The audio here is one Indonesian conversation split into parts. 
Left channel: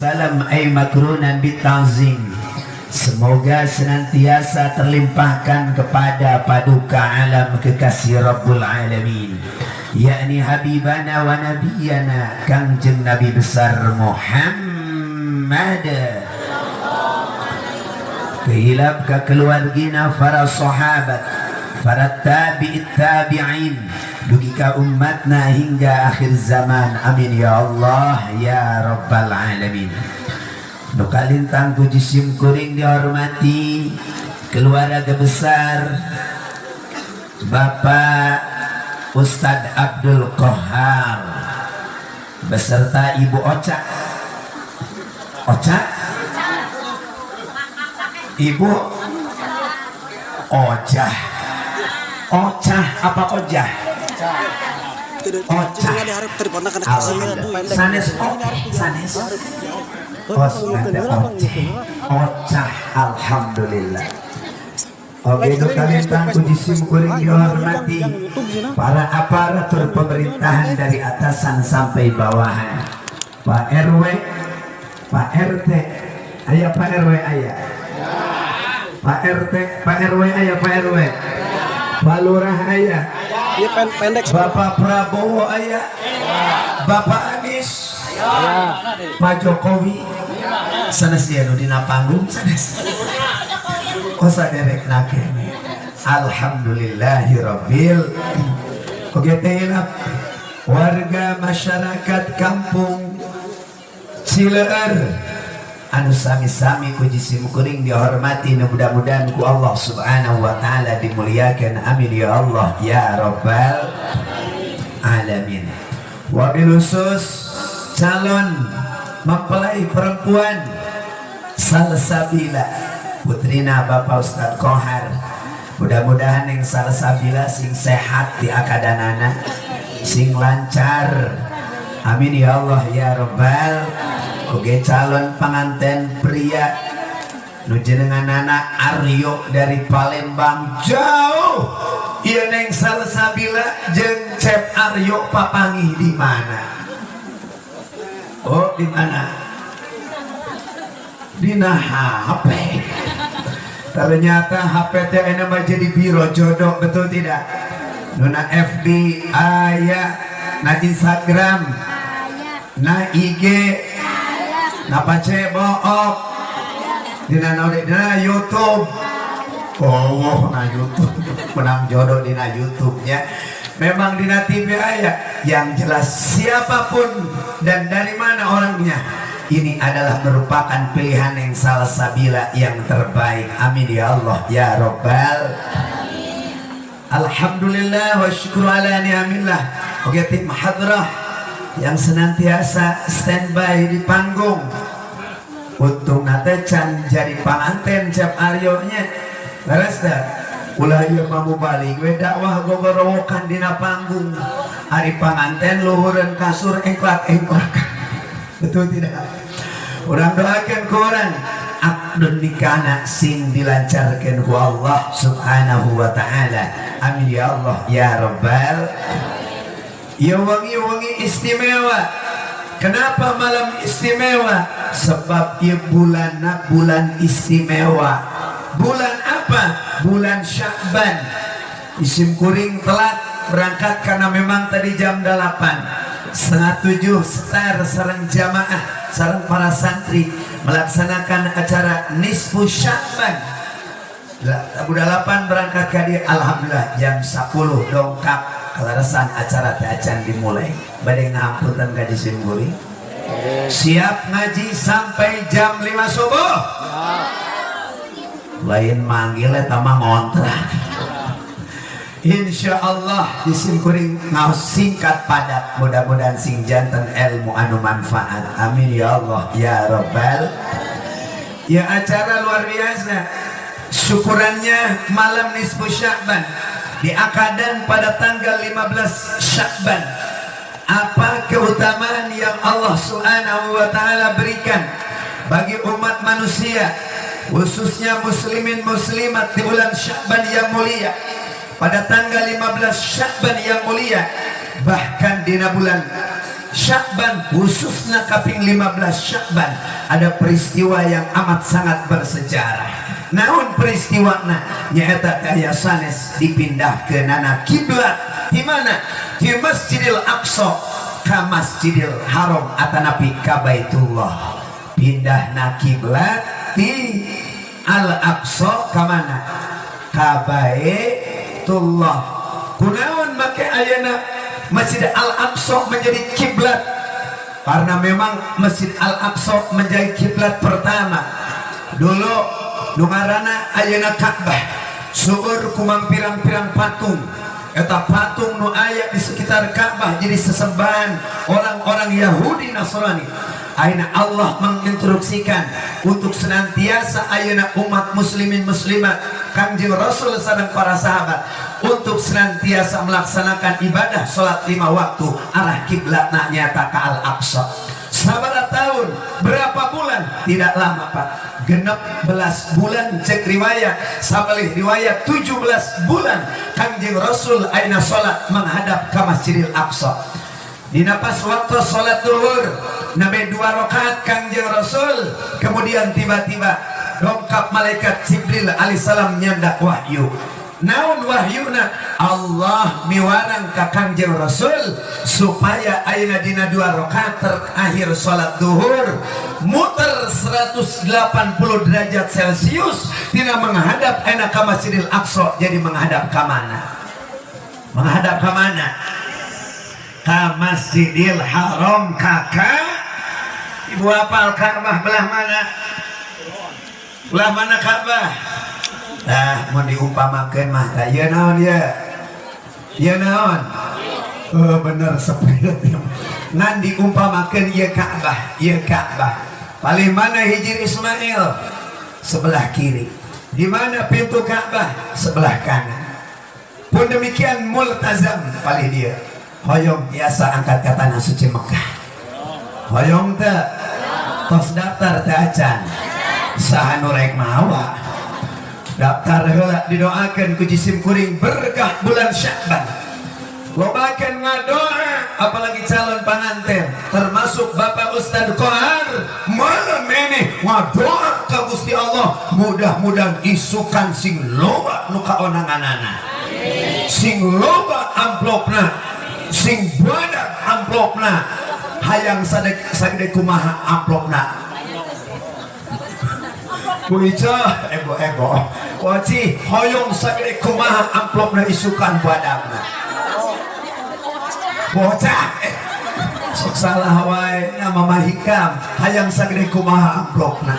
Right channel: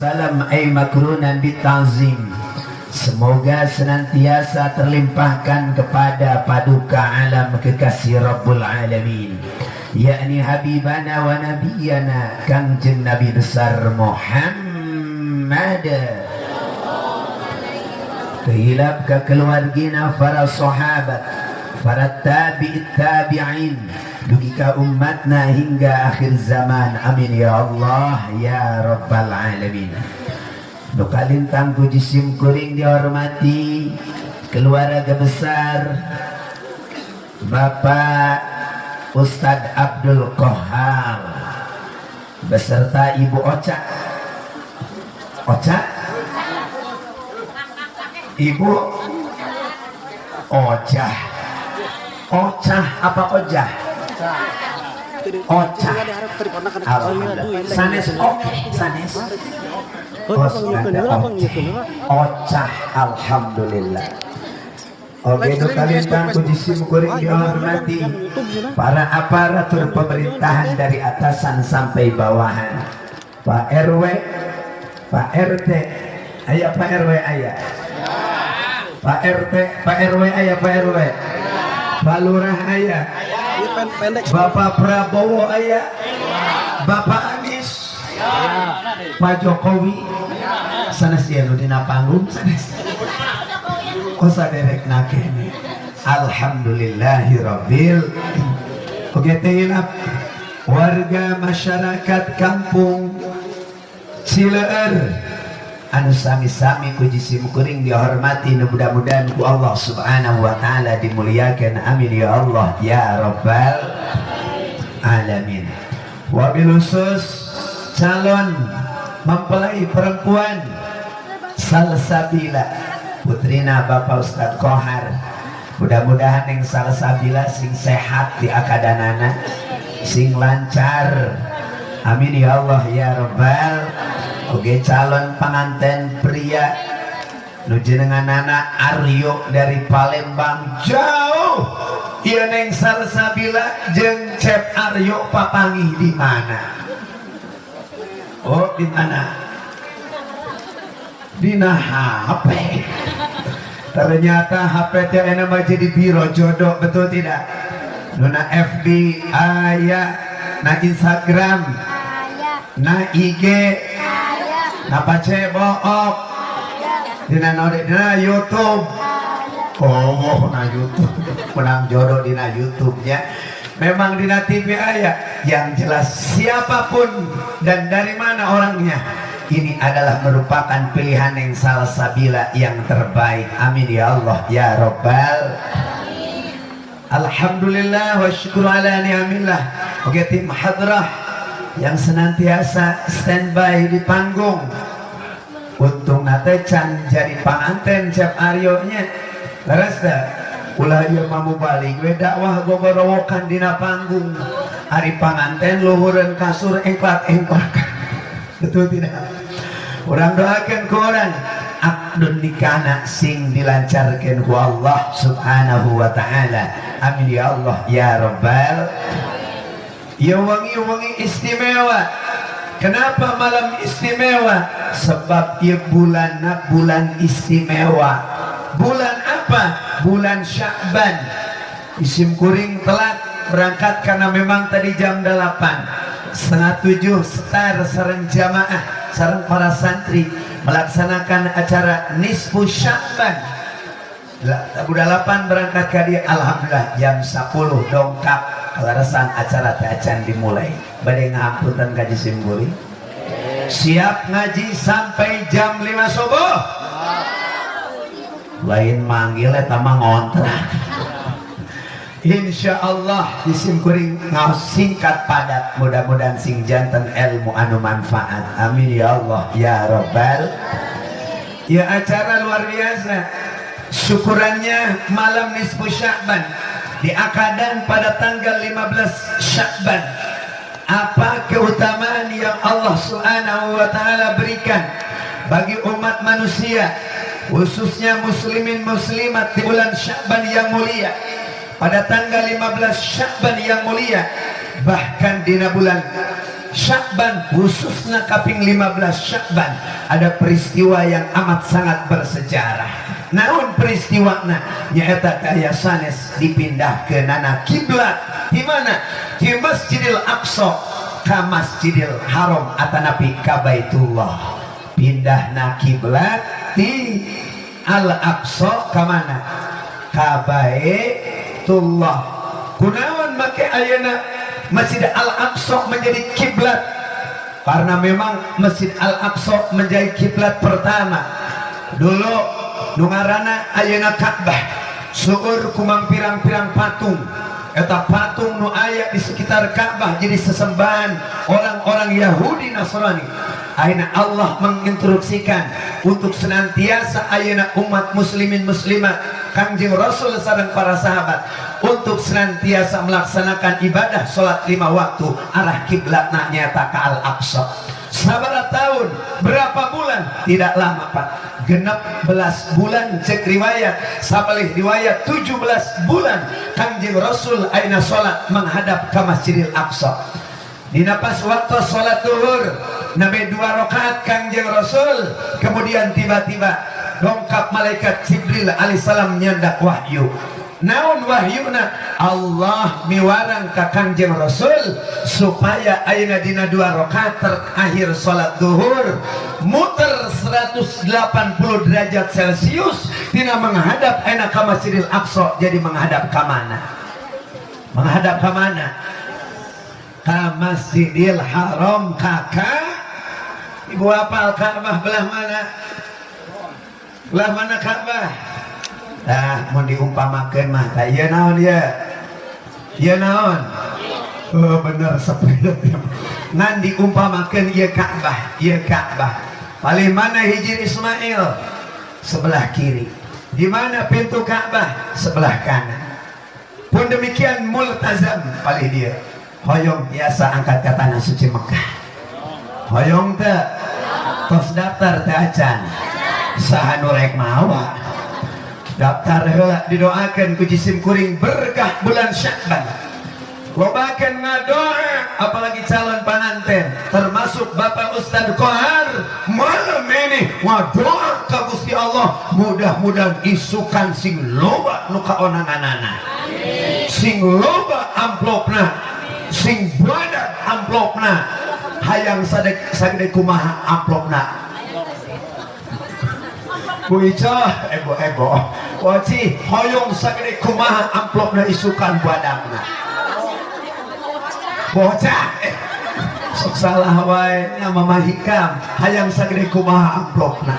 Salam ay makrunan bitazim. Semoga senantiasa terlimpahkan kepada paduka alam kekasih Rabbul Alamin, yakni Habibana wa Nabiyana Kangjeng Nabi besar Muhammad. Kehilap ke keluargina para sahabat, para tabi'it tabi'in, dugi ka umatna hingga akhir zaman. Amin ya Allah ya Rabbal Alamin. Nukalintang puji sim kuring dihormati keluarga besar Bapak Ustadz Abdul Qahar beserta Ibu Oca. Oca? Ibu Ojah. Ocah apa Ojah? Ocah. Sanes sanes. Ocah, alhamdulillah. Oke, kalian puji syukurin dihormati para aparatur pemerintahan dari atasan sampai bawahan. Pak RW, Pak RT, ayah Pak RW ayah. Pak RT, Pak RW ayah Pak RW. Pak Lurah ayah. Bapak Prabowo ayah. Bapak Anies. Pak Jokowi. Sanes ya nu dina panggung sanes. Kosa derek nakene. Alhamdulillahirabbil. Begitu warga masyarakat kampung Cileur anu sami-sami ku jisim kuring dihormati, mudah-mudahan ku Allah subhanahu wa ta'ala dimuliakan. Amin ya Allah ya Rabbal Alamin. Wabil khusus calon mempelai perempuan Salsabila putrina Bapak Ustadz Qahar, mudah-mudahan yang Salsabila sing sehat di akadanana, sing lancar. Amin ya Allah ya Rabbal. Oke, calon pengantin pria nuju dengan anak Aryo dari Palembang jauh. Ieu neng Salsabila jeung Cep Aryo papangi di mana? Oh, di mana? Dina HP. Ternyata HP teh enak jadi biro jodoh, betul tidak? Nuna FB aya, na Instagram, na IG, na Facebook, dina node dina YouTube. Oh, na YouTube, menang jodoh dina YouTube-nya. Memang dina TV aya, yang jelas siapapun dan dari mana orangnya, ini adalah merupakan pilihan yang Salsabila yang terbaik. Amin ya Allah ya Rabbal. Alhamdulillah wa syukur ala ni'amillah. Oke, tim hadrah yang senantiasa standby di panggung. Untung nate can jadi panganten Cep Aryo nya. Beres dah. Ulah ieu mamu balik we dakwah gogorowokan dina panggung. Hari panganten luhureun kasur engklak-engklak. Betul tidak? Urang doakeun ku urang abdun nikahna sing dilancarkeun ku Allah subhanahu wa ta'ala. Amin ya Allah ya Rabbal. Ya wangi-wangi istimewa. Kenapa malam istimewa? Sebab ieu bulan istimewa. Bulan apa? Bulan Sya'ban. Isim kuring telat berangkat karena memang tadi jam 8 setengah 7 setar sareng jamaah sareng para santri melaksanakan acara nisfu Sya'ban. Udah 8 berangkat ke dia, alhamdulillah jam 10 dongkap kalaresan acara teh acan dimulai. Bade ngahampunten ka jisim kuring. Siap ngaji sampai jam 5 subuh. Lain manggil eta mah ngontrak. Insyaallah jisim kuring ngaos singkat padat, mudah-mudahan sing janten ilmu anu manfaat. Amin ya Allah ya Rabbal. Ya, acara luar biasa. Syukurannya malam nisfu Sya'ban di Akadan pada tanggal 15 Sya'ban. Apa keutamaan yang Allah subhanahu wa ta'ala berikan bagi umat manusia, khususnya muslimin muslimat di bulan Sya'ban yang mulia, pada tanggal 15 Sya'ban yang mulia. Bahkan di bulan Sya'ban, khususnya kaping 15 Sya'ban, ada peristiwa yang amat sangat bersejarah. Naon peristiwana nyaeta kaya sanes dipindah ke nana kiblat di mana? Di Masjidil Aqsa ka Masjidil Haram atanapi ka Baitullah. Pindah na kiblat di Al Aqsa ka mana? Ka Baitullah. Kunaon make ayeuna Masjid Al Aqsa menjadi kiblat? Karena memang Masjid Al Aqsa menjadi kiblat pertama. Dulu numarana ayeuna Ka'bah seueur kumang pirang-pirang patung. Eta patung nu aya di sekitar Ka'bah jadi sesembahan orang-orang Yahudi Nasrani. Ayeuna Allah menginstruksikan untuk senantiasa ayeuna umat muslimin muslimat Kangjeng Rasul sareng para sahabat untuk senantiasa melaksanakan ibadah salat 5 waktu arah kiblatna nyata ka Al-Aqsa. Sabaraha tahun, berapa bulan? Tidak lama Pak, 16 bulan cek riwayat, sabalih riwayat 17 bulan Kangjeng Rasul ayeuna salat menghadap ke Masjidil Aqsa. Dina pas waktu salat zuhur nabe 2 rakaat Kangjeng Rasul, kemudian tiba-tiba dongkap malaikat Jibril alaihissalam nyandak wahyu. Naon wahyuna? Allah miwarang ka Kangjeng Rasul supaya ayeuna dina 2 rakaat terakhir salat zuhur muter 180 derajat Celcius tina menghadap ayeuna ka Masjidil Aqsa. Jadi menghadap ka mana? Menghadap ka mana? Ka Masjidil Haram. Kakak ibu apal Ka'bah belah mana? Belah mana Ka'bah? Mau diumpamakan mah ya naon ya? Ya naon? Oh bener seperti ngan diumpamakan ya Ka'bah, ya Ka'bah. Paling mana hijir Ismail? Sebelah kiri. Di mana pintu Ka'bah? Sebelah kanan. Pun demikian multazam paling dia. Hoyong biasa angkat ke tanah suci Mekah. Hoyong teh tos daftar teh acan. Saha nu rek mawa. Daftar heula didoakeun ku jisim kuring berkah bulan Sya'ban. Lobakeun ngadoa apalagi calon pengantin termasuk Bapak Ustaz Kohar malam ini ngadoa ka Gusti Allah mudah-mudahan isukan sing loba nu kaonanganana. Sing loba amplopna, sing badak amplopna, hayang sadek kumaha amplopna. Kuica ego waci hoyong sagede kumaha amplopna isukan badakna. Bocah sok salah wae nama mahikam hayang sagede kumaha amplopna.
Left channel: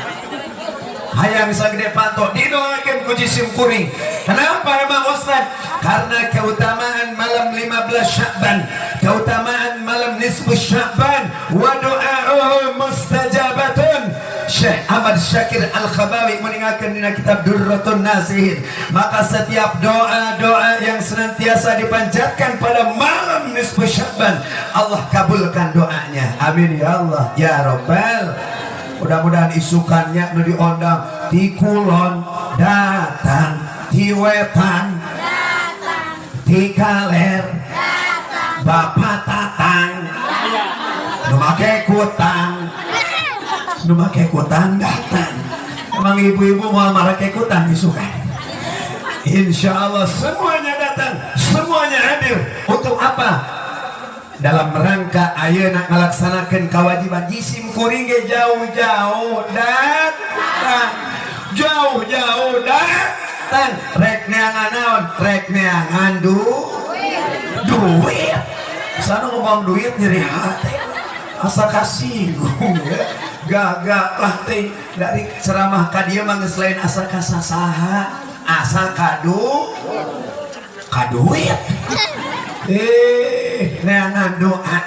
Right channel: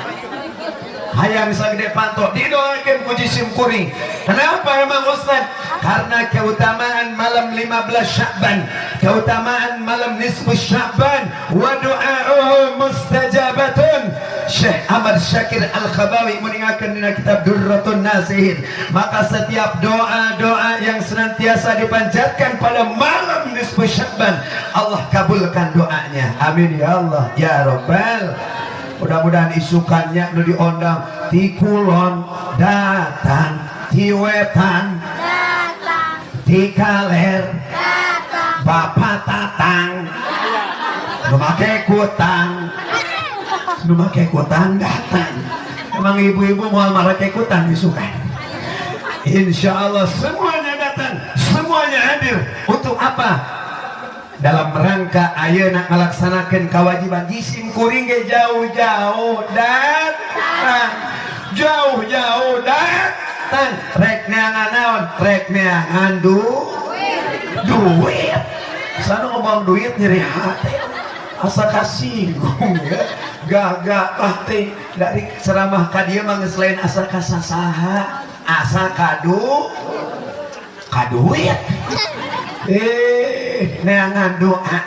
Hayang sagede panto didoakeun ku jisim kuring. Kenapa emang Ustaz? Karena keutamaan malam 15 Sya'ban, keutamaan malam nisfu Sya'ban, wa du'a'uhu mustajabatun. Syekh Ahmad Syakir Al-Khabawi meninggalkan dalam kitab Durratun Nasihin. Maka setiap doa-doa yang senantiasa dipanjatkan pada malam nisfu Sya'ban, Allah kabulkan doanya. Amin ya Allah ya Rabbal. Mudah-mudahan isukannya nu diondang di kulon datang, di wetan datang, di kaler datang, bapak tatang nu make kutang, nu make kutang datang. Emang ibu-ibu mau make kutang isukan? Insya Allah semuanya datang, semuanya hadir. Untuk apa? Dalam rangka ayeuna ngalaksanakeun kewajiban jisim kuring ge jauh-jauh datang, jauh-jauh datang. Rek neangan naon? Rek neangan duit. Sana ngomong duit nyeri hati, asa kasinggung ya. Gagak lah teh dari ceramah ka dieu mah selain asa kasasaha, asa kaduit. Neangan doa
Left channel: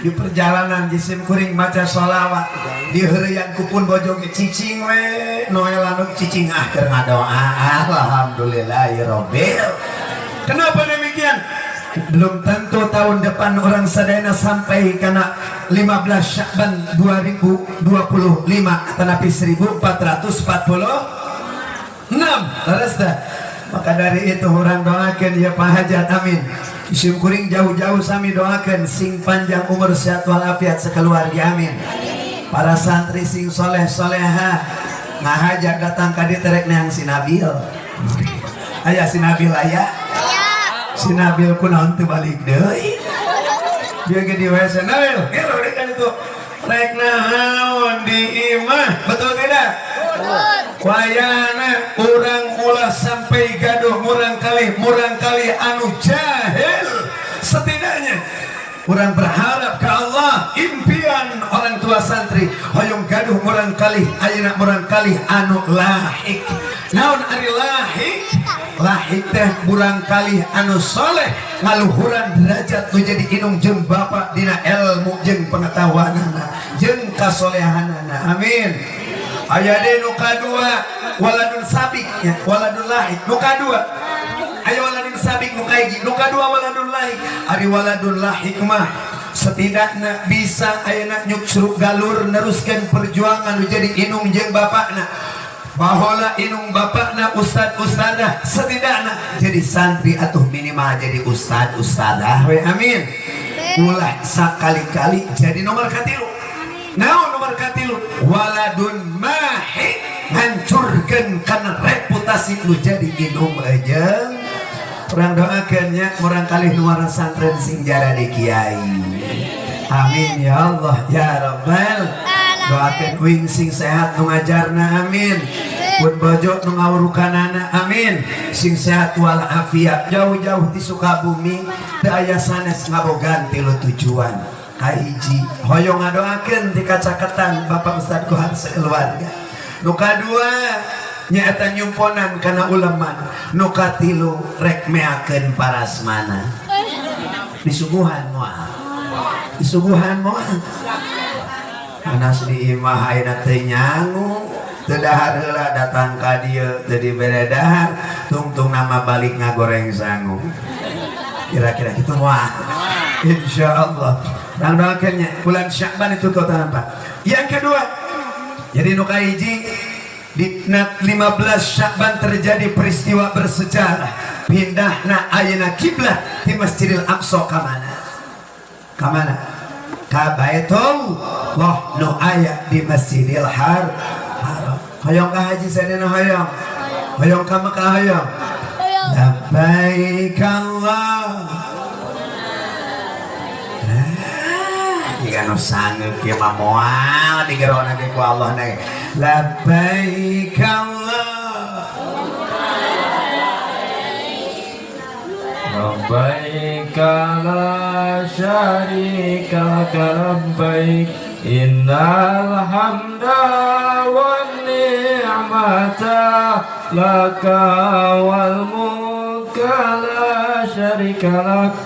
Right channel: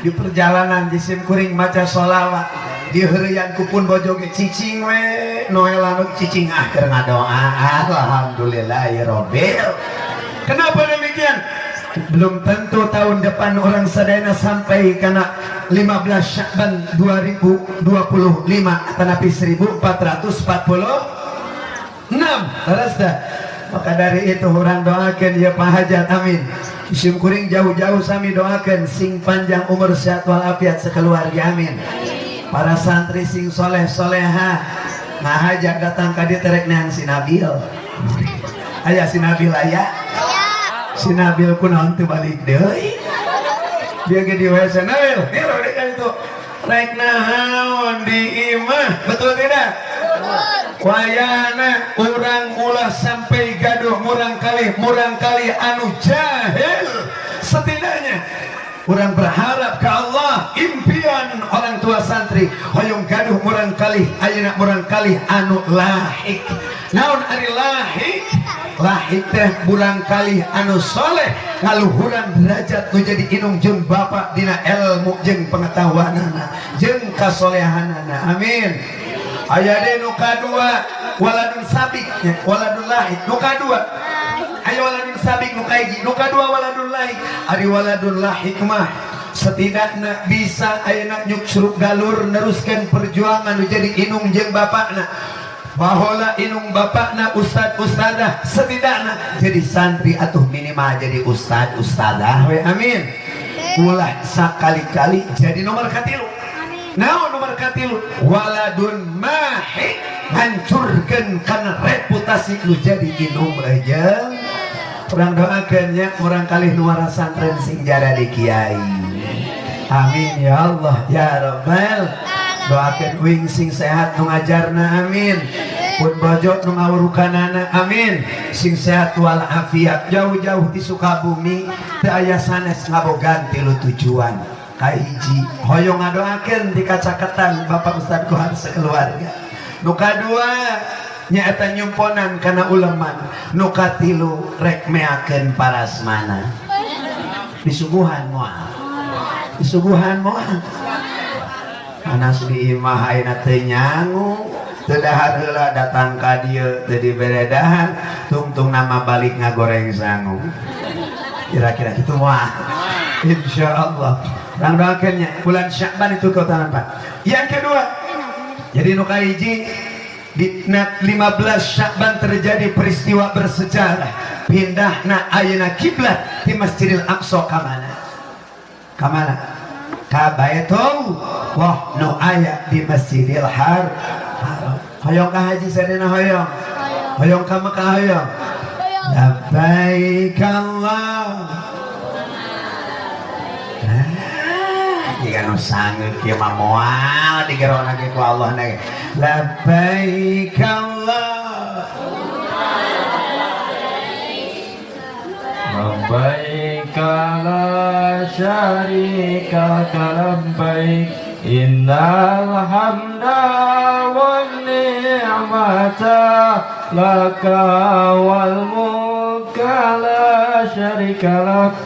di perjalanan jisim kuring maca sholawat di heureyan kupun bojoge cicing we noelanu cicing akhir ngadoa alhamdulillahirabbil. Kenapa demikian? Belum tentu tahun depan orang sadayana sampai karena 15 Sya'ban 2025 tanapi 1446 terus dah. Maka dari itu orang doakan ya Pak Hajat amin. Isim kuring jauh-jauh sami doakan sing panjang umur sehat walafiat sekeluarga amin. Para santri sing soleh soleha ngahajak datang ka dieu terek neang si Nabil. Aya si Nabil aya. Si Nabil kunaon teu balik deui. Dia ge di WC Nabil, kira kan itu rek naon di imah, betul tidak? Wayana urang ulah sampai gaduh murang kali anu jahil. Setidaknya urang berharap ke Allah impian orang tua santri hoyong gaduh murang kali ayeuna murang kali anu lahik. Naon ari lahik? Lahik teh murang kali anu soleh ngaluhuran derajat nu jadi inung jeung bapak dina ilmu jeung pengetahuanana jeung kasolehanana. Amin. Aya deui nu kadua waladun sabik waladun lahik. Nu kadua aya waladun sabik nu kahiji, nu kadua waladun lahik. Ari waladun lahik mah setidakna bisa ayeuna nyuk suruk galur neruskeun perjuangan nu jadi inung jeung bapakna. Bahola inung bapakna ustad-ustadah setidakna jadi santri atuh minimal jadi ustad-ustadah we. Amin. Ulah sakali-kali jadi nomor katilu. Naon nomor katilu? Waladun mahik, hancurkeun kana reputasi nu jadi inung lejeng. Urang doakeunnya urang kalih nu warang santren sing jara di kiai. Amin ya Allah ya Rabbal. Doakeun wing sing sehat nu ngajarna amin. Pun bojo nu ngawurukanana amin. Sing sehat wal afiat jauh-jauh di Sukabumi teu aya sanes ngabogaan tilu tujuan. Kahiji hoyong ngadoakeun di kacaketan Bapak Ustad Kohar sekeluarga. Nu kadua nyaeta nyumponan kana ulama. Nu katilu rek meakeun parasmana. Disuguhan moal. Disuguhan moal. Anas di imah ayeuna teu nyangu, teu dahar heula datang ka dieu teu dibere dahar, tungtung nama balik ngagoreng sangu. Kira-kira kitu moal. Insyaallah. Dan makanya bulan Sya'ban itu kota nampak. Yang kedua, jadi nu kahiji di 15 Sya'ban terjadi peristiwa bersejarah pindahna ayeuna kiblat di Masjidil Aqsa ka mana? Ka mana? Ka Baitullah nu aya di Masjidil Haram. Hoyong ka haji sadina hoyong. Hoyong ka Mekah hoyong. Labbaik Allah. Jika nu sanggup kieu mah moal digero lagi ku Allah lagi. Labbaik Allah. Labbaik la syarika laka labbaik innal hamda wan ni'mata laka wal mulka la syarika lak.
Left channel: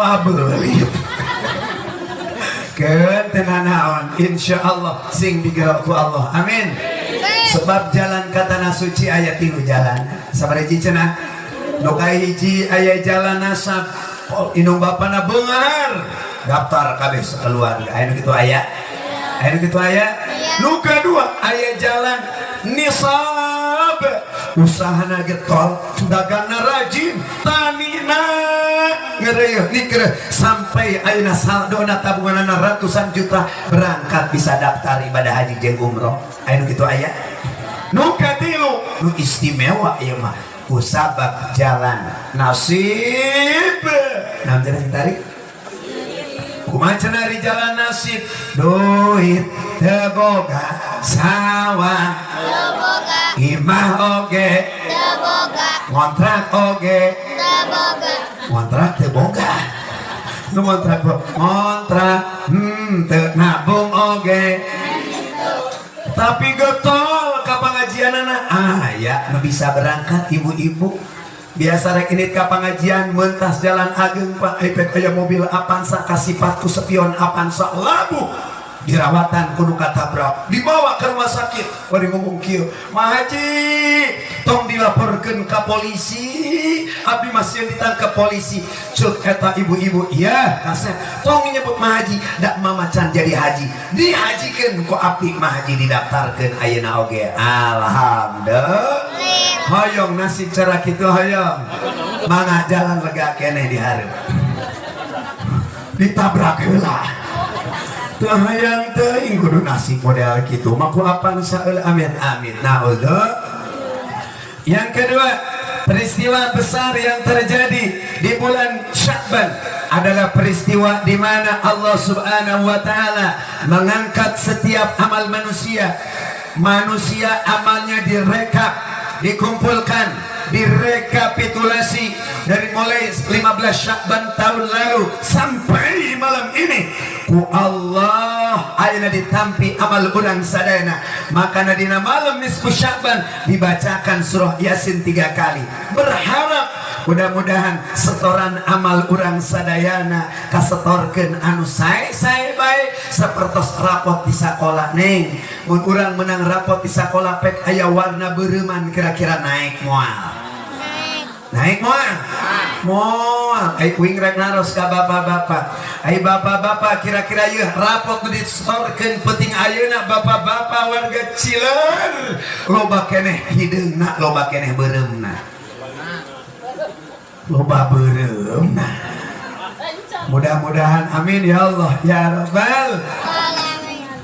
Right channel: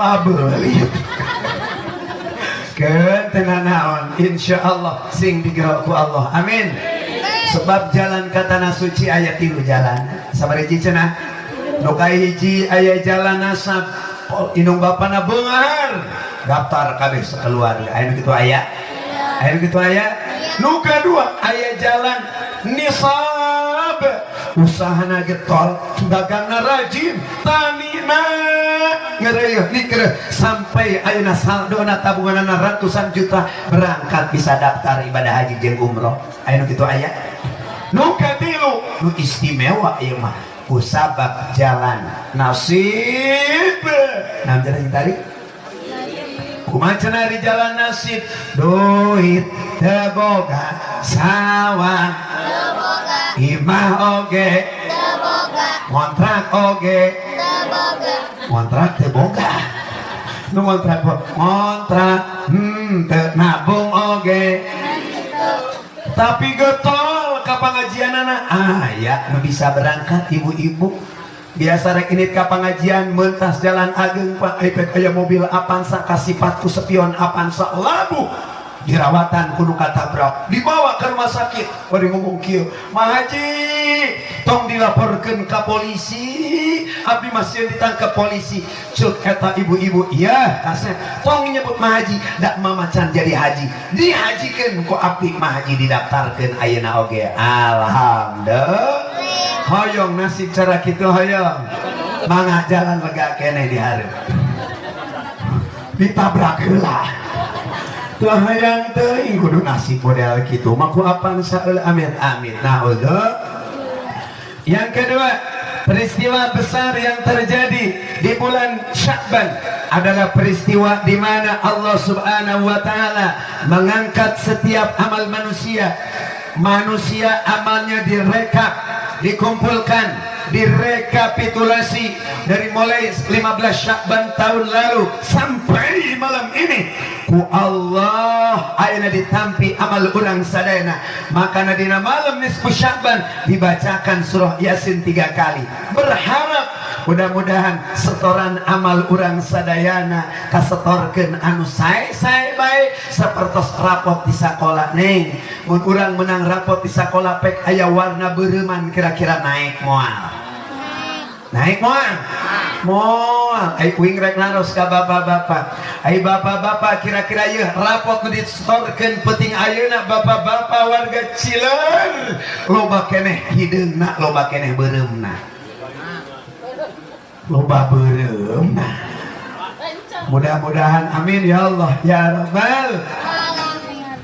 Abeli ketenang naon insyaallah sing digerak ku Allah amin. Sebab jalan ka tanah suci aya 3 jalan sabariji cenah. Nu kahiji aya jalan nasab inung bapana beungar daftar kabeh sakeluarga aya kitu aya. Aya kitu aya. Nu kadua aya jalan nisab usahana getol dagangna rajin tanina ngereuh nikeuh sampai ayeuna saldona tabunganna ratusan juta berangkat bisa daftar ibadah haji jeung umroh. Aya nu kitu aya. Nu katilu nu istimewa ieu mah kusabab jalan nasib. Naon cenah tadi? Kumaha cenah di jalan nasib? Duit teu boga, sawah teu boga, imah oge teu boga, ngontrak oge teu boga. Ngontrak teu boga. Nu ngontrak teu nabung oge. Tapi getol ka pangajianana aya nu bisa berangkat ibu-ibu. Biasa rek init ka pangajian mentas jalan ageng Pak aya mobil Avanza kasipatku sepion Avanza labu dirawatan kudu katabrak dibawa ke rumah sakit. Bari ngomong kieu, "Mah Haji, tong dilaporkeun ka polisi, abdi masih ditangkap polisi." Cuk eta ibu-ibu, "Iya, kasih." Tong nyebut Mah Haji, dak mamacan jadi haji. Dihajikeun ku abdi Mah Haji didaftarkeun ayeuna oge. Alhamdulillah. Hoyong nasib cara kitu hoyong. Mangga jalan lega kene di hareup. Ditabrak heula. Tuh hayang teuing kudu nasib model kitu. Mah ku apang saeul amin amin. Naudzubillah. Yang kedua, peristiwa besar yang terjadi di bulan Sya'ban adalah peristiwa di mana Allah Subhanahu wa taala mengangkat setiap amal manusia. Manusia amalnya direkap, dikumpulkan, direkapitulasi dari mulai 15 Sya'ban tahun lalu sampai malam ini ku Allah aina ditampi amal urang sadayana. Maka dina malam nisfu Sya'ban dibacakan surah Yasin 3 kali. Berharap mudah-mudahan setoran amal urang sadayana kasetorkeun anu sae-sae bae sapertos rapot di sakola neng. Mun urang menang rapot di sakola pek aya warna beureman kira-kira naik moal. Naik moal. Moal. Ai kuing rek naros ka bapak-bapak. Ai bapak-bapak kira-kira ieu rapot nu disetorkeun penting ayeuna bapak-bapak warga Cileun loba keneh hideungna, loba keneh beureumna. Loba beureumna. Mudah-mudahan amin ya Allah ya Rabbal.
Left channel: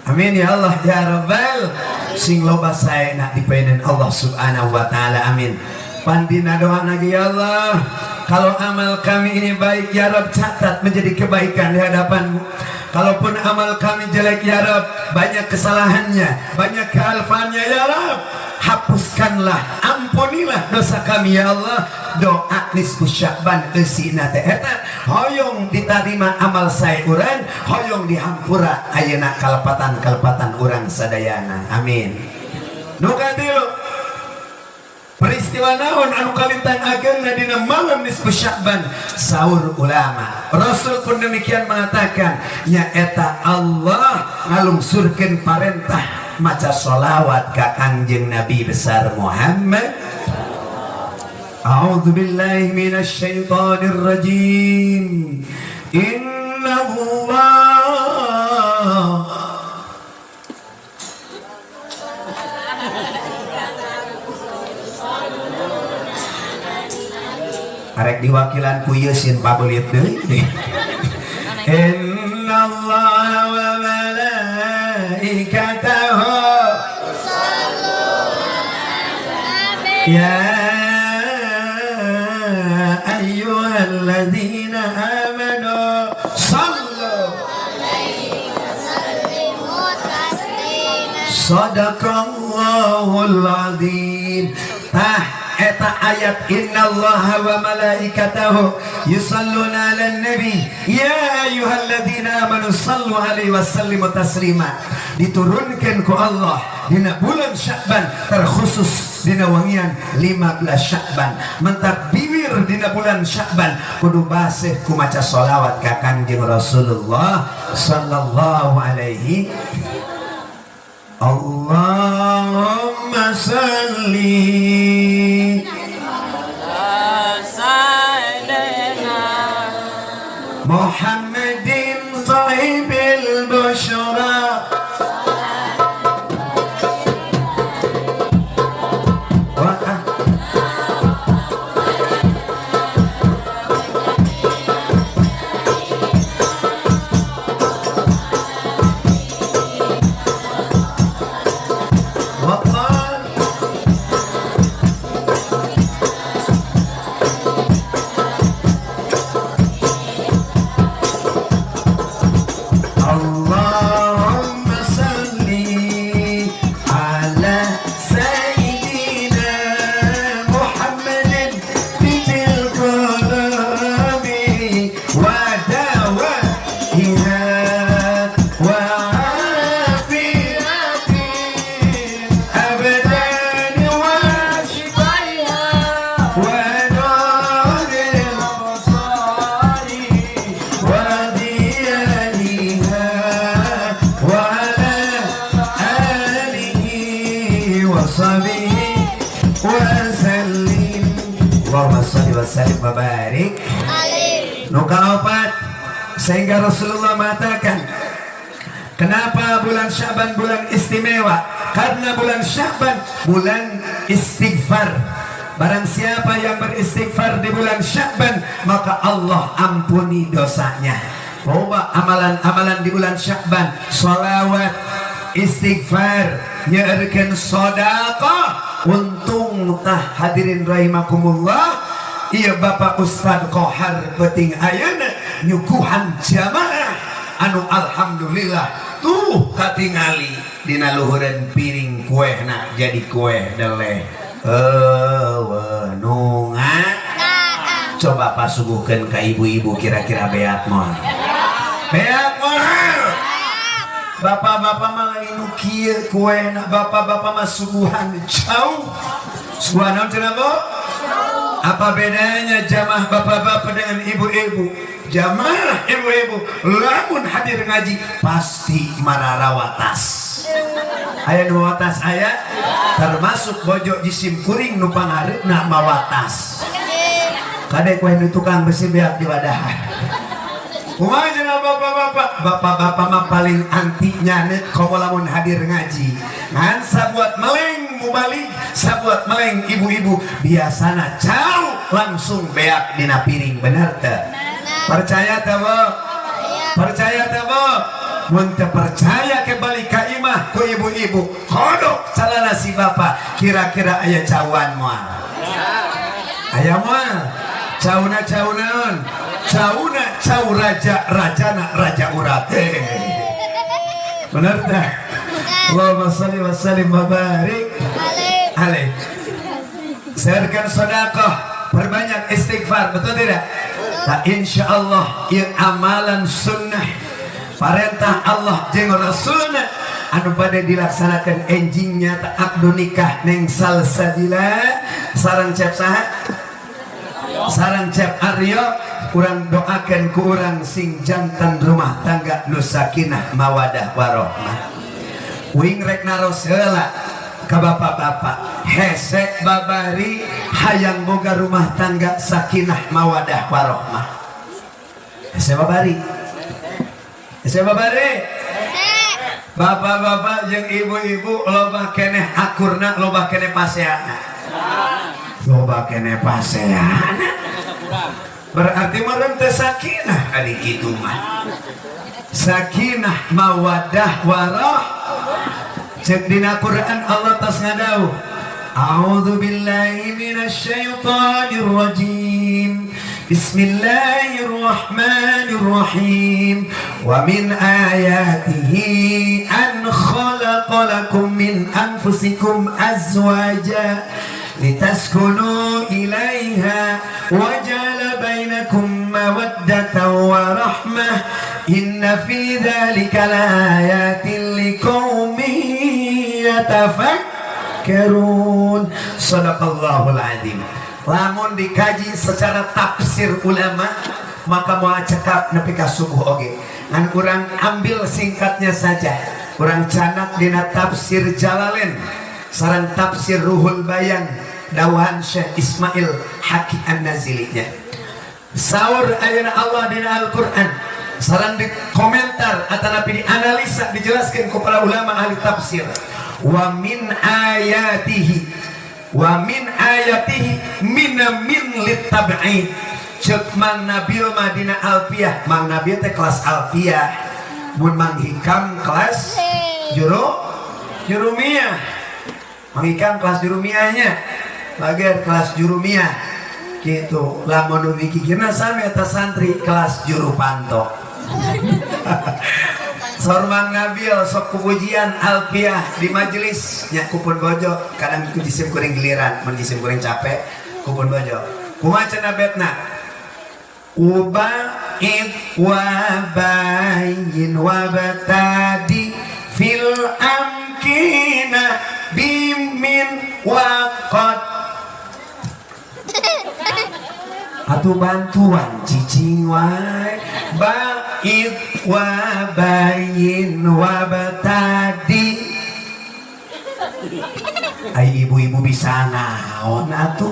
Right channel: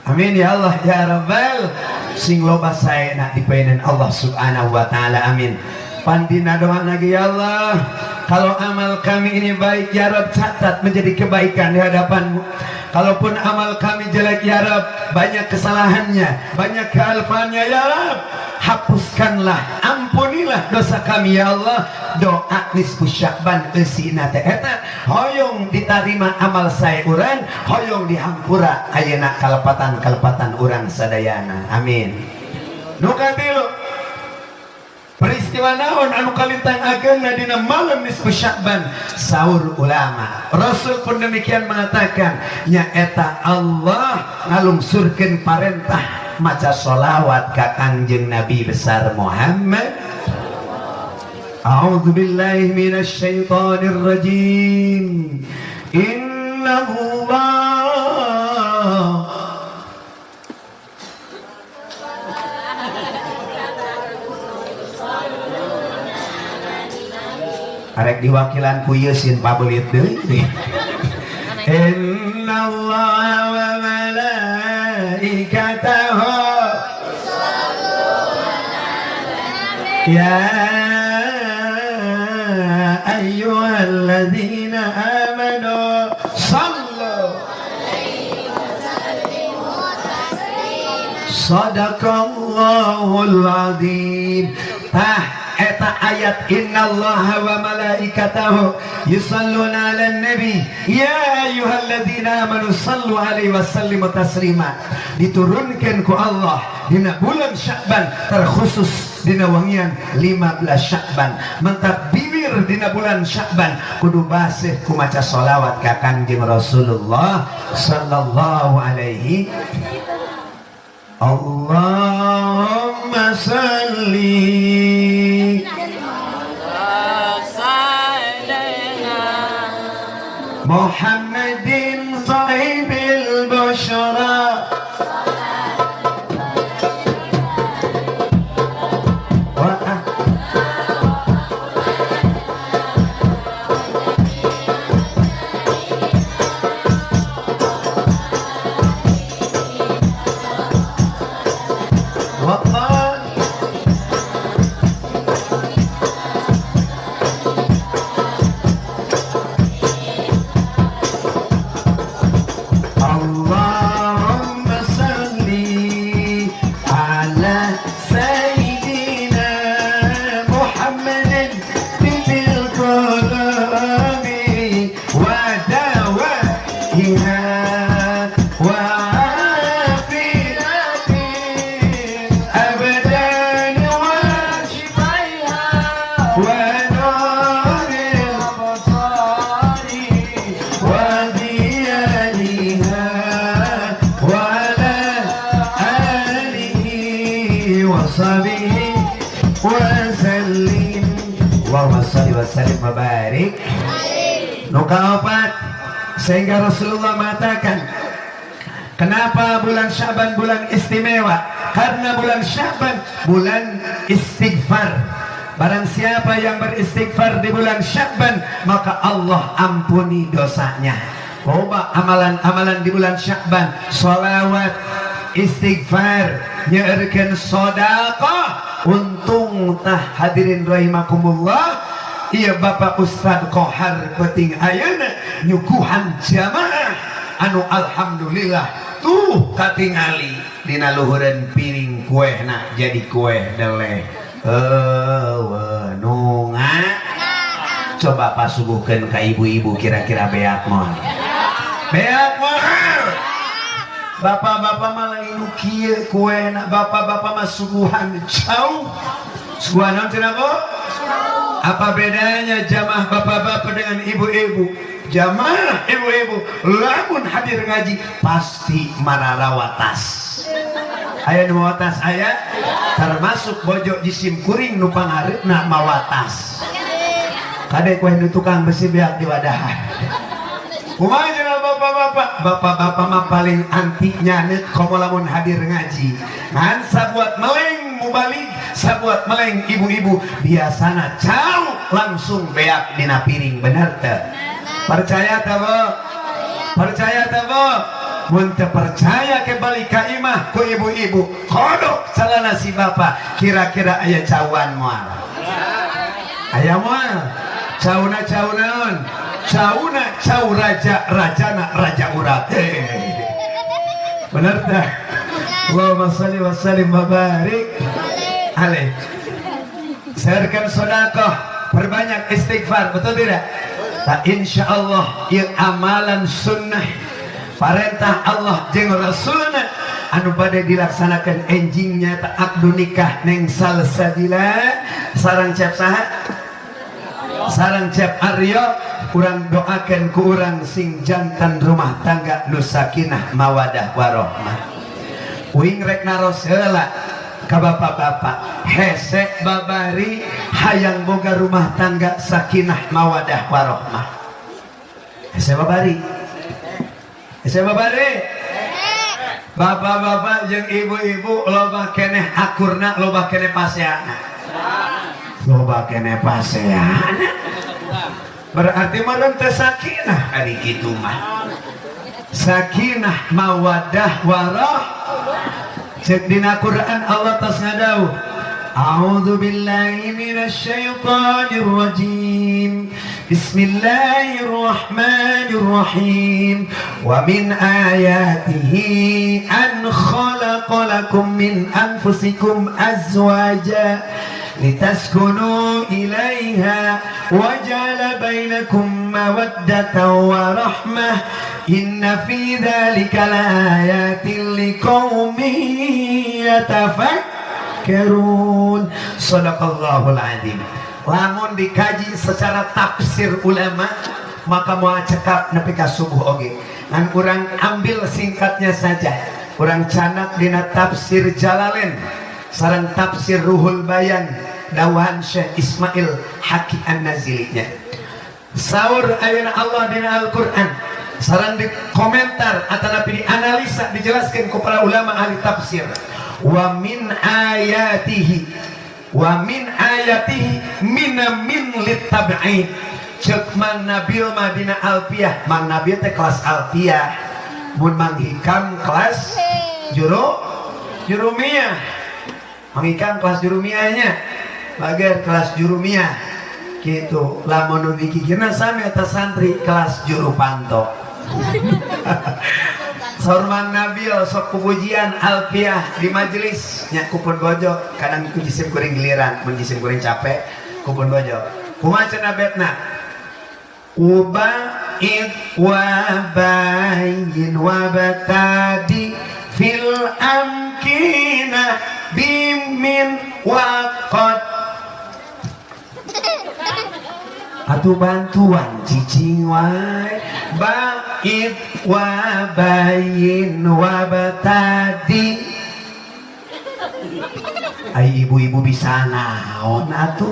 Amin ya Allah ya Rabbal. Sing loba saena dipaeun Allah Subhanahu wa taala amin. Pandina doa lagi ya Allah, kalau amal kami ini baik ya Rabb catat menjadi kebaikan di hadapanmu. Kalaupun amal kami jelek ya Rabb, banyak kesalahannya, banyak kealfaannya ya Rabb, hapuskanlah, ampunilah dosa kami ya Allah. Doa nisfu Sya'ban eusina teh eta hoyong diterima amal sae urang, hoyong dihampura ayeuna kalepatan-kalepatan urang sadayana. Amin. Nu katilu peristiwa naon anu kalintang ageuna dina malam nisfu Sya'ban, saur ulama. Rasul pun demikian mengatakan, nyaeta Allah ngalungsurkeun parentah maca sholawat ka Kangjeng Nabi besar Muhammad. A'udzu billahi minasy syaithanir rajim. Innallaha arek diwakilan ku Yusin pabulit deui. Innallaha wa malaikatahu ya ayyuhalladzina amanu sallu sadaqallahul azim. Eta ayat innallaha wa malaikatahu yusalluna 'alan nabi ya ayyuhalladzina amanu sallu 'alaihi wa sallimu taslima. Diturunkeun ku Allah dina bulan Sya'ban, terkhusus dina wangian 15 Sya'ban. Mentakbir dina bulan Sya'ban kudu basih ku maca sholawat ka Kangjeng Rasulullah sallallahu alaihi. Allahumma salli Muhammadin sahibil busyra wasallim wabarik. Nuka opat, sehingga Rasulullah mengatakan, kenapa bulan Sya'ban bulan istimewa? Karena bulan Sya'ban bulan istighfar, Barang siapa yang beristighfar di bulan Sya'ban, maka Allah ampuni dosanya. Coba amalan-amalan di bulan Sya'ban, sholawat, istighfar, nyeurkeun sedekah. Untung tah hadirin rahimakumullah, ieu Bapak Ustad Kohar penting ayeuna nyukuhan jamaah anu alhamdulillah tuh katingali dina luhureun piring kuehna jadi kueh deleh. Wenunga coba pasuguhkeun ka ibu-ibu kira-kira beak moal. Beak moal. Bapak-bapak mah lain nu kieu kuehna, bapak-bapak mah suguhan jauh. Suguhan naon cenah, Bu? Apa bedanya jamaah bapak-bapak dengan ibu-ibu? Jamaah ibu-ibu lamun hadir ngaji pasti mararawatas. Aya nu watas aya termasuk bojo jisim kuring nu pangareupna mawatas. Kade kue nu tukang besi beak di wadah. Kumaha cenah bapak-bapak? Bapak-bapak mah paling anti nyanet komo lamun hadir ngaji. Ngan sabuat meleng mubalik, sabuat meleng ibu-ibu biasana jauh langsung beak dina piring, bener teh? Percaya teh, Bu? Percaya teh, Bu? Mun teu percaya ke balik ka imah ku ibu-ibu kodok calana si bapak kira-kira aya cauan moal. Aya moal. Cauna cau naon? Cauna cau rajana raja urang. Bener teh? Allahumma shalli wa sallim wa barik alaih. Seurkeun sedekah, perbanyak istighfar, betul tidak? Nah, insyaallah ieu amalan sunnah perintah Allah jeung Rasulna anu bade dilaksanakan enjingnya ta akdu nikah neng salsabila sareng cep saha? Sareng cep Aryo urang doakeun ku urang sing jantan rumah tangga nu sakinah mawadah warahmah. Uing rek naros heula ka bapak-bapak hese babari hayang boga rumah tangga sakinah mawadah warahmah. Hese babari bapak-bapak jeung ibu-ibu loba keneh akurna, loba keneh paseana. Loba keneh paseana. Berarti meureun teh sakinah ari kitu mah. Sakinah mawaddah warah. Cek dina Quran Allah tas ngadauh, a'udzu billahi minasy syaithanir rajim. Bismillahirrahmanirrahim. Wa min ayatihi an khalaqa lakum min anfusikum azwaja litaskunu ilaiha wa ja'ala bainakum mawaddatan wa rahmah. Inna fi dzalika laayatin liqaumin yatafakkarun. Shadaqallahul adzim. Lamun dikaji secara tafsir ulama maka mau cekap nepi ka subuh oge. Ngan urang ambil singkatnya saja. Urang canak dina tafsir Jalalain sareng tafsir Ruhul Bayan dawahan Syekh Ismail Haqi An-Nazilinya. Saur ayeuna Allah dina Al-Qur'an sareng di komentar atanapi dianalisa dijelaskan kepada ulama ahli tafsir. Wa min ayatihi min litab'id. Cek Mang Nabil Madinah Alfiyah. Mang Nabil teh kelas Alfiyah, mun Mang Hikam kelas jurumiyah. Mang Hikam kelas jurumiyahnya, bager kelas jurumiyah gitu. Lamun nu mikirna sami eta santri kelas juru panto. Sormang Nabil sok pujian Alfiyah di majelis nya kupun bojo kadang itu jisim kuring giliran mun jisim kuring capek kupun bojo kumaha cenah betna ubaid wa bayyin wa batadi fil amkina bimin wa qad. Atuh bantuan cicing wae ba'id wa bayin wa batadi. Ai ibu-ibu bisa naon atuh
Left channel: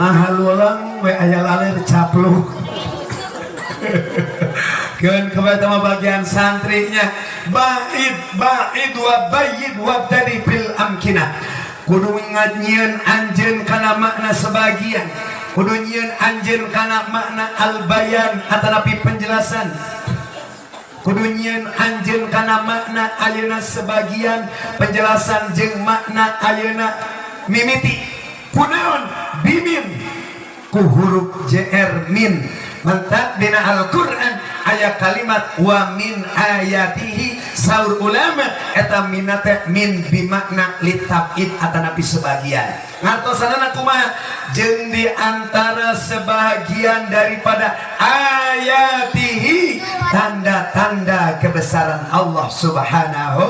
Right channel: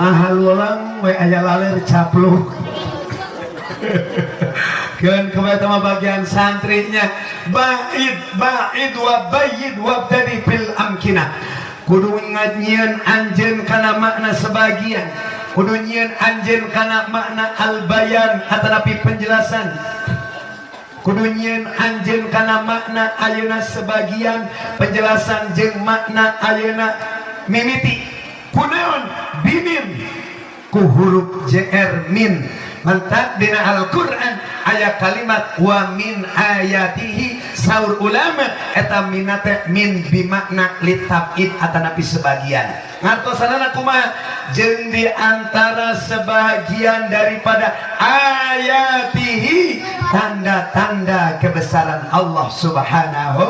ngahalulang we aya laler capluk. Keun kepada bagian santrinya ba'id wa bayin wa batadi fil amkinah. kudu nganyieun anjeun kana makna sebagian, kudu nyieun anjeun kana makna al-bayan atanapi penjelasan, kudu nyieun anjeun kana makna ayeuna sebagian penjelasan jeung makna ayeuna mimiti. Kunaon bimin ku huruf JR min. Mantap dina Al-Qur'an aya kalimat wa min ayatihi saur ulama eta minate min bimakna litabid atanapi sebagian. Ngartosanana kumaha? Jeung di antara sebagian daripada ayatihi tanda-tanda kebesaran Allah Subhanahu.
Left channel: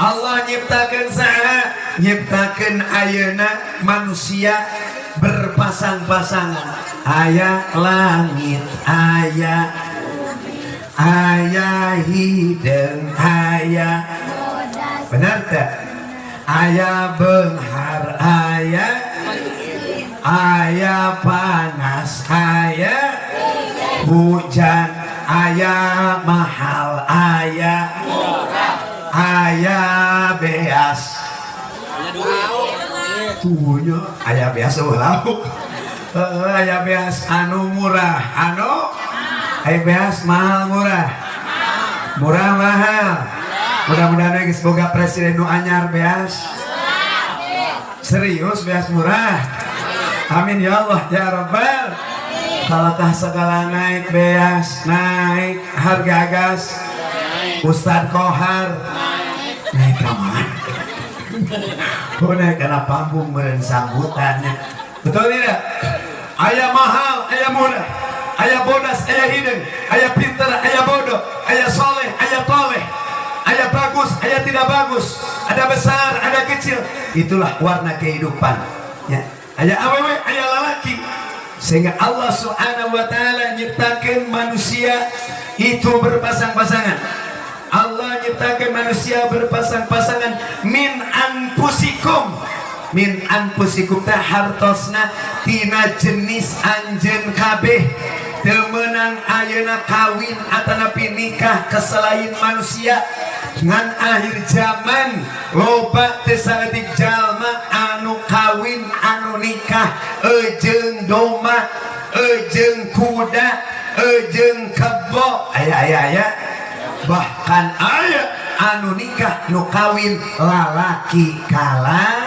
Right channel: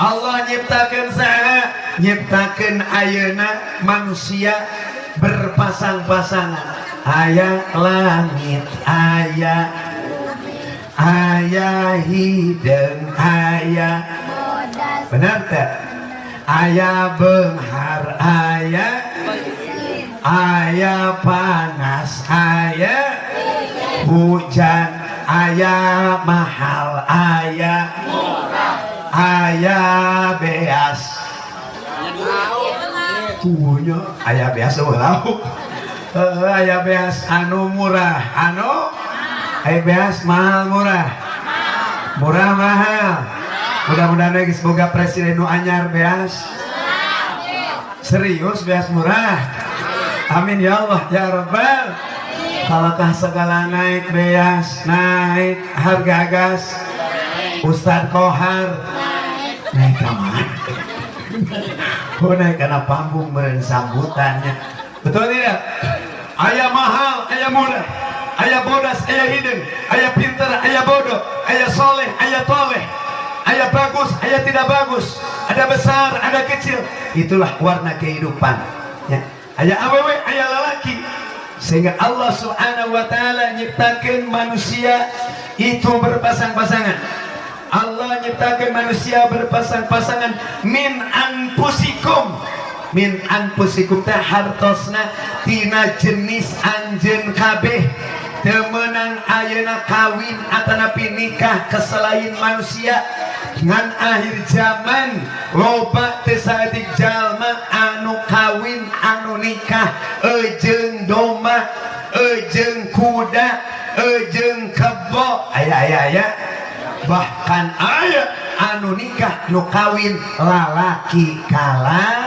Allah nyiptakeun saha? Nyiptakeun ayeuna manusia berpasang-pasangan. Aya langit, aya hideung, aya benar tak? Aya beunghar, aya panas, aya hujan, aya mahal, aya beas. Punya aya beas urang. Aya beas anu murah, aya beas mahal murah mahal. Mudah-mudahan geus boga presiden nu anyar beas. Serius beas murah. Amin ya Allah ya Rabbal. Salakah segala naik beas, naik harga gas. Ustad Kohar naik kamar. Naik karena panggung meureun sambutannya. Betul tidak? Aya mahal, aya murah, aya bodas, aya hideung, aya pintar, aya bodoh, aya soleh, aya toleh, aya bagus, aya tidak bagus, ada besar, ada kecil. Itulah warna kehidupan. Ya. Aya awewe, aya lalaki. Sehingga Allah Subhanahu wa taala nyiptakeun manusia itu berpasang-pasangan. Allah nyiptakeun manusia berpasang-pasangan min anfusikum. Min anfusikum teh hartosna tina jenis anjeun kabeh teu meunang ayeuna kawin atanapi nikah keselain manusia. Ngan akhir zaman loba teu saeutik jalma anu kawin anu nikah ejeung domba, ejeung kuda, ejeung kebo, aya bahkan aya anu nikah nu kawin lalaki kala.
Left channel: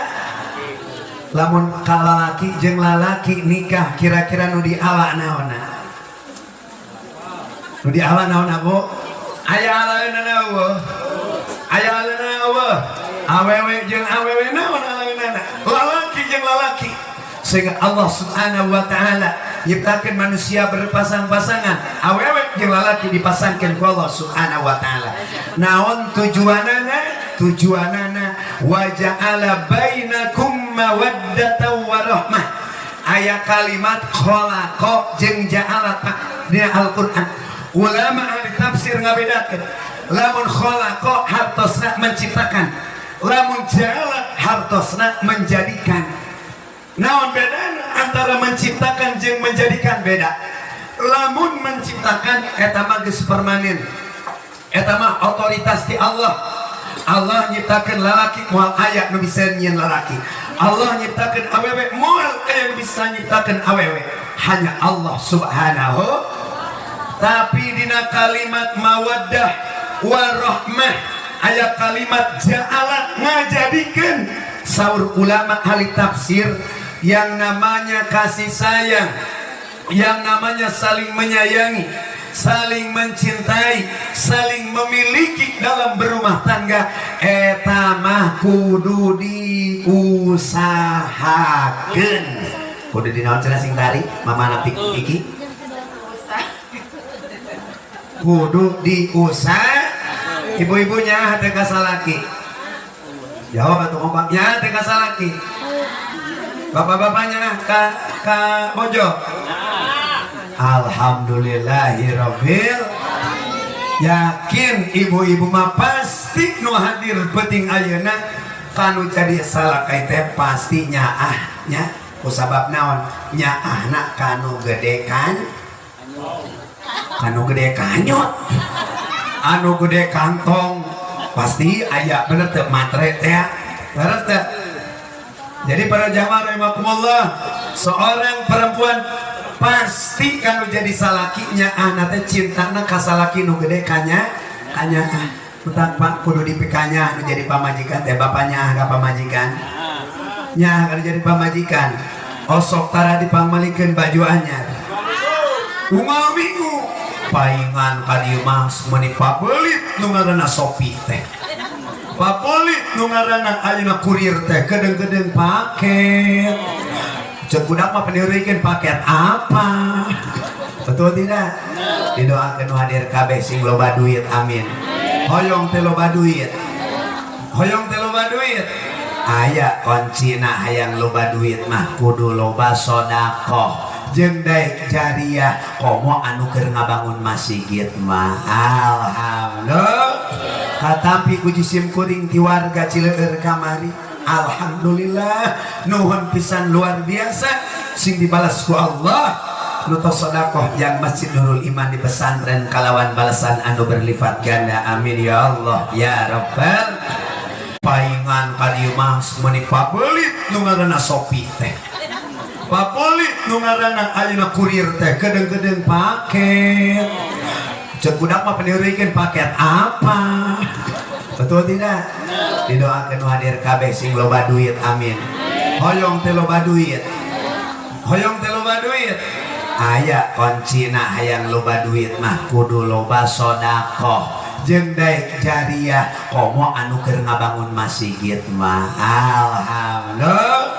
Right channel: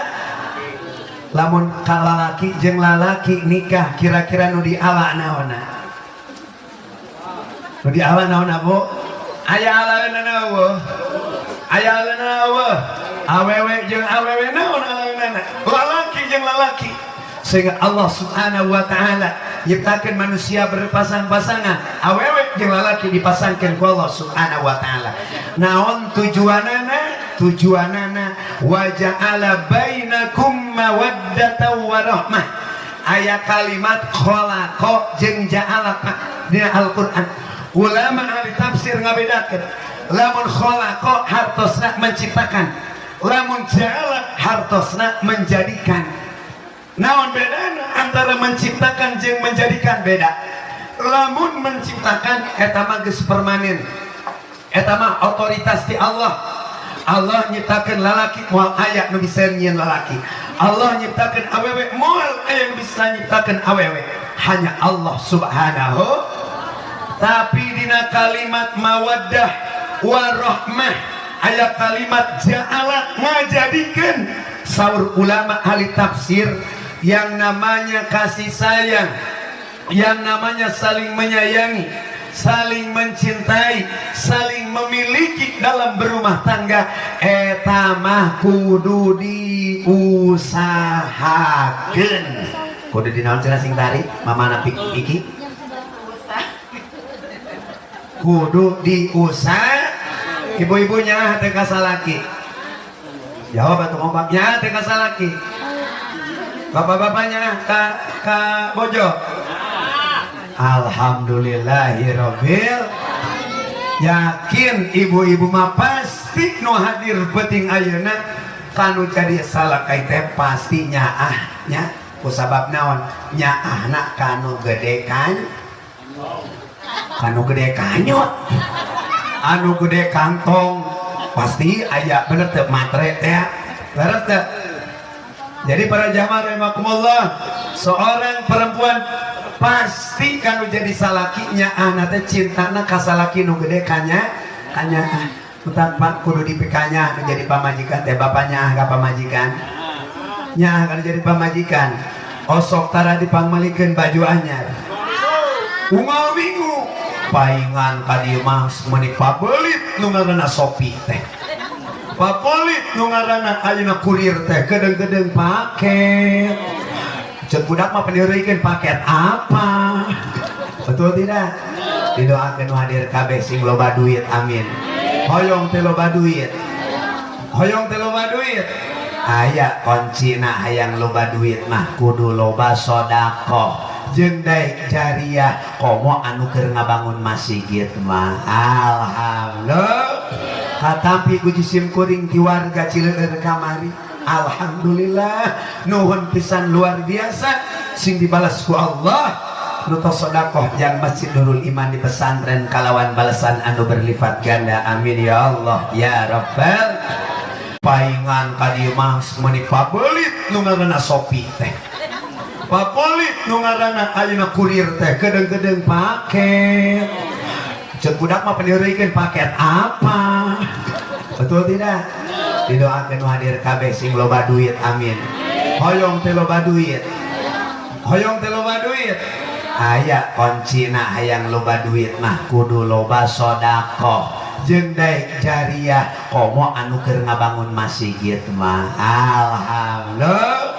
Lamun kalalaki jeung lalaki nikah kira-kira nu diala naonna? Nu diala naonna Bu? Aya alaeuna naon? Aya alaeuna naon? Awewe jeung awewe naon alaeuna? Lalaki jeung lalaki. Sehingga Allah Subhanahu wa taala nyiptakeun manusia berpasang-pasangan. Awewe jeung lalaki dipasangkeun ku Allah Subhanahu wa taala. Naon tujuanana? Tujuanana wa ja'ala bainakum mawaddatan wa rahmah. Aya kalimat khalaqa jeung ja'ala di Al-Qur'an. Ulama ahli tafsir ngabedakeun. Lamun khalaqa hartosna menciptakan, lamun ja'ala hartosna menjadikan. Naon bedana antara menciptakan jeung menjadikan? Beda. Lamun menciptakan eta mah geus permanen. Eta mah otoritas di Allah. Allah nyiptakeun lalaki moal aya nu bisa nyieun lalaki. Allah nyiptakeun awewe moal aya nu bisa nyiptakeun awewe. Hanya Allah Subhanahu. Tapi dina kalimat mawaddah warahmah aya kalimat ja'ala ngajadikeun. Saur ulama ahli tafsir yang namanya kasih sayang, yang namanya saling menyayangi, saling mencintai, saling memiliki dalam berumah tangga eta mah kudu diusahakeun. Kudu dinaon cenah sing tari mamana piki-piki? Kudu diusaha. Ibu-ibunya teh kasalaki. Jawab atuh ombaknya teh kasalaki. Bapak-bapaknya ka bojo. Alhamdulillahirabbil. Yakin ibu-ibu mah pasti nu hadir penting ayeuna kanu jadi salakai teh pasti nyaahnya ku sabab naon? Nyaahna kanu gede kan? Kanu gede kanyut. Anu gede kantong pasti aya bener teh matre teh Laras tak? Jadi para jamaah rahimakumullah, seorang perempuan pasti kalau jadi salakinya anak teh cintana ka salaki nu gede kanya tanya utan pak kudu dipikanya jadi pamajikan teh bapaknya enggak pamajikan nya kalau jadi pamajikan osok tara dipangmalikeun baju anyar unggal minggu paingan ka dieu mah meuni pabelit nu ngaranna Sopi teh pabelit nu ngaranna ayeuna kurir teh gedeung-gedeung paket cek budak mah penirikeun paket apa betul tidak didoakeun hadir kabeh sing loba duit amin hoyong teh loba duit aya kuncina hayang loba duit mah kudu loba sodaqoh jeung daek jariah komo anu keur ngabangun masjid mah alhamdulillah katampi ku jisim kuring ti warga Cileueur kamari alhamdulillah nuhun pisan luar biasa sing dibalas ku Allah nu tos sedekah yang Masjid Nurul Iman di pesantren kalawan balasan anu berlipat ganda amin ya Allah ya Rabbal paingan ka dieu mah meuni pabelit nu ngaranna Sopi teh pabelit nu ngaranna ayeuna kurir teh gedeung-gedeung paket cek budak mah penirikeun paket apa betul tidak didoakeun hadir kabeh sing loba duit amin hoyong teh loba duit aya kuncina hayang loba duit mah kudu loba sodaqoh jeung daek jariah komo anu keur ngabangun masjid mah alhamdulillah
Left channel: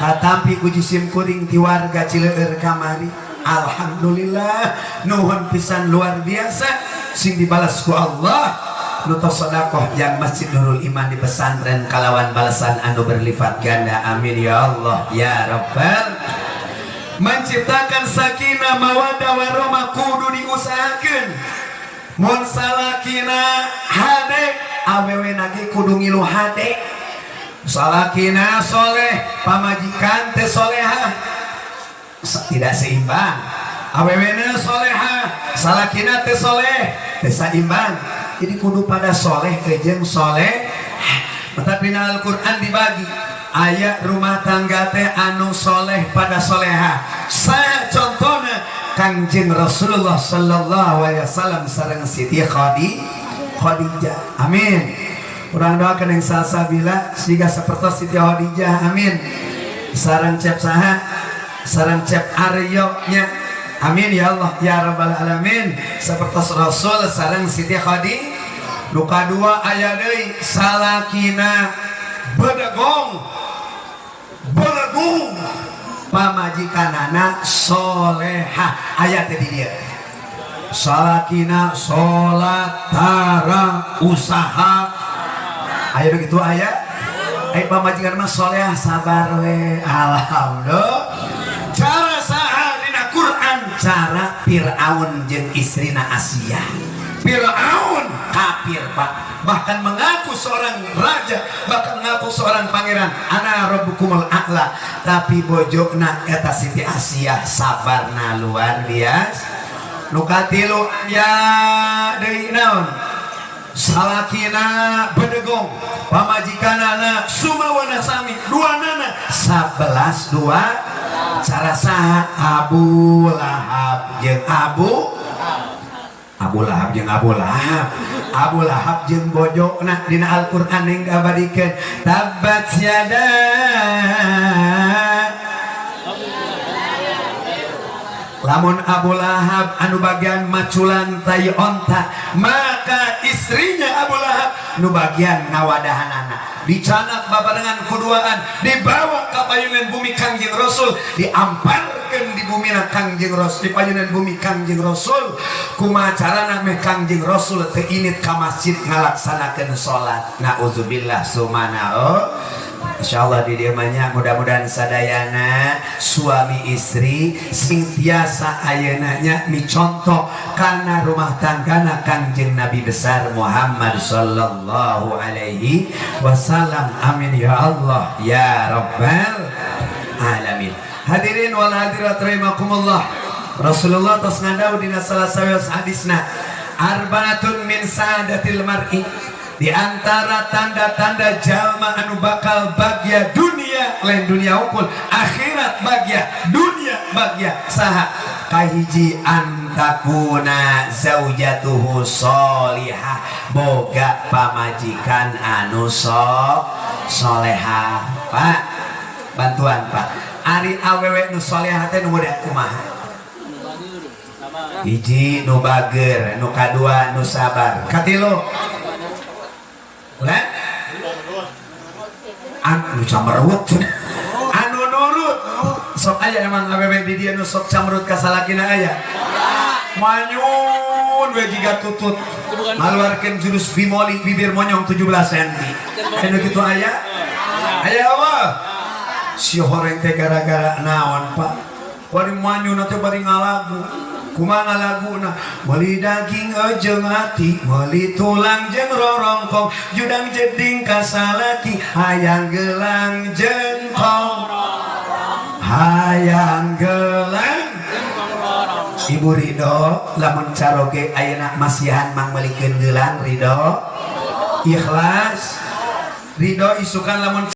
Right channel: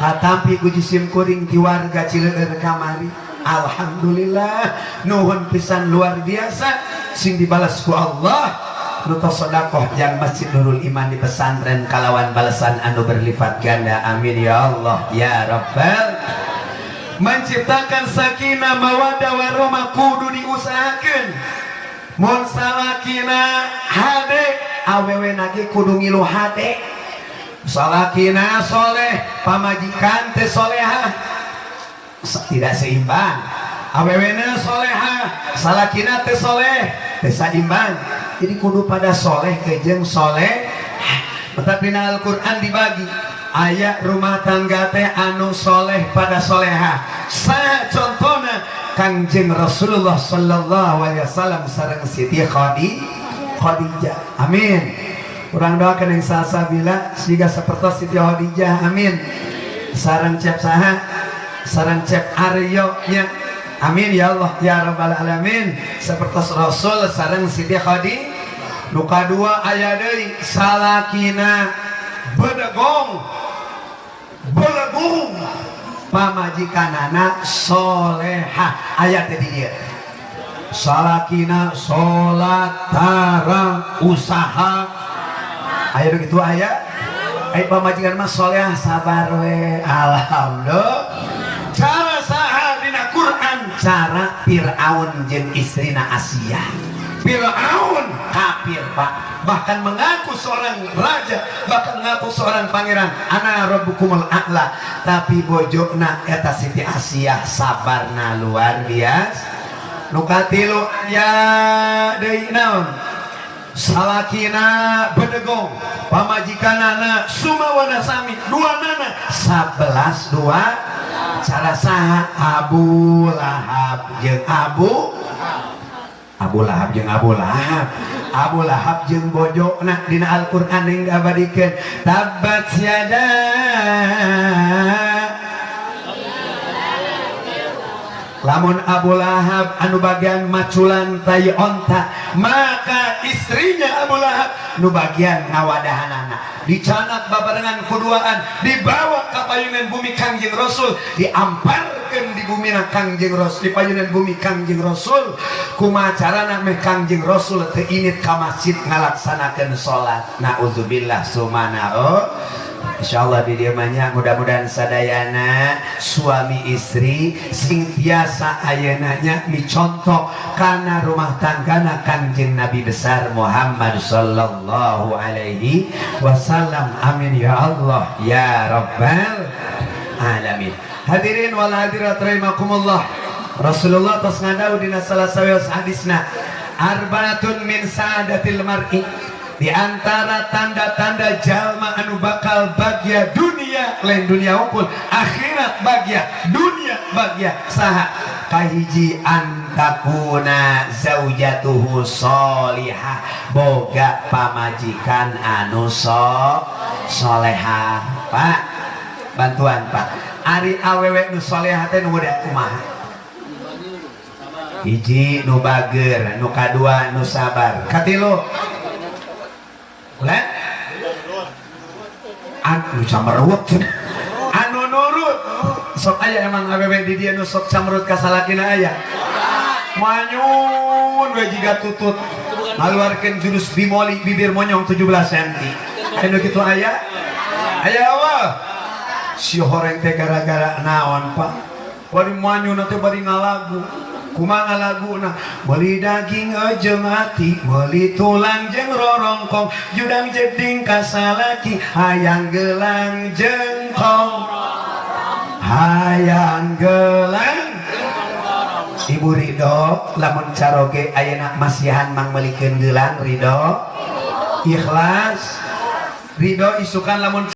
katampi ku jisim kuring ti warga Cileueur kamari alhamdulillah nuhun pisan luar biasa sing dibalas ku Allah nu tos sedekah yang Masjid Nurul Iman di pesantren kalawan balasan anu berlipat ganda amin ya Allah ya Rabbal menciptakan sakinah mawaddah warahmah kudu diusahakeun mun salakina hade awewe nage kudu ngilu hade salakina soleh pamajikan teh soleha tidak seimbang awewena soleha salakina teh soleh teh seimbang jadi kudu pada soleh kejeng soleh tetapi na Al-Quran dibagi ayat rumah tangga teh anu soleh pada soleha saya contohnya Kangjeng Rasulullah sallallahu alaihi wasallam sareng Siti Khadijah amin urang doakeun yang salsabila siga sapertos Siti Khadijah amin sareng cep saha sareng cep Aryo nya amin ya Allah ya rabbal alamin sapertos Rasul sareng Siti Khadijah nu kadua aya deui salakina bedegong pamajikanana soleha ayat di dia salakina sholat tara usaha aya begitu aya pamajikan mah soleha sabar we alhamdulillah cara saha dina Quran cara Fir'aun jeung istrina Asia Fir'aun kafir pak bahkan mengaku seorang raja bahkan mengaku seorang pangeran ana rabbukumul a'la tapi bojokna eta Siti Asia sabarna luar biasa nu katilu ya deui naon salakina bedegong pamajikanana sumawana sami duanana 11 dua cara saha Abu Lahab jeung Abu Lahab jeung bojokna dina Al-Qur'an yang diabadikeun tabbat yada lamun Abu Lahab anu bagian maculan tai onta maka istrinya Abu Lahab nu bagian ngawadahanana dicanat babarengan kuduaan dibawa ka payunan bumi Kangjeng Rasul diamparkeun di bumi Kangjeng Rasul di payunan bumi Kangjeng Rasul kumaha carana meh Kangjeng Rasul teu init ka masjid ngalaksanakeun salat naudzubillah sumana insyaallah di dieu mah mudah-mudahan sadayana suami istri sing tiasa ayeuna nya micontoh kana rumah tanggana Kangjeng Nabi besar Muhammad sallallahu alaihi wasallam amin ya Allah ya rabbal alamin hadirin wal hadirat rahimakumullah Rasulullah tos ngadawu dina salah saweus hadisna arbaatun min saadatil mar'i Di antara tanda-tanda jalma anu bakal bagya dunia lain dunia unggul, akhirat bagya dunia bagya saha kahiji antakuna zaujatuhu sholihah, boga pamajikan anu solehah. Pak, bantuan Pak, ari awewe nu solehah teh nu muda kumaha? Hiji nu bager, nu kadua nu sabar, katilu anu camrut, anu nurut. Sok aya emang awewe di dia nu sok camrut ka salakina aya. Manyun we jiga tutut. Ngaluarkeun jurus bimoli bibir monyong 17 cm. Anu kitu aya? Aya eueuh. Si horeng teh gara-gara naon, Pak? Bari manyun teh bari ngalagu. Kumaha laguna, beli daging jeung mati, beli tulang jeung rorongkong, judang jeding kasalaki, hayang gelang jengkong, hayang gelang. Ibu Ridho, lamun caroge ayeuna masihan mang melikeun gelang Ridho, ikhlas. Ridho isukan lamun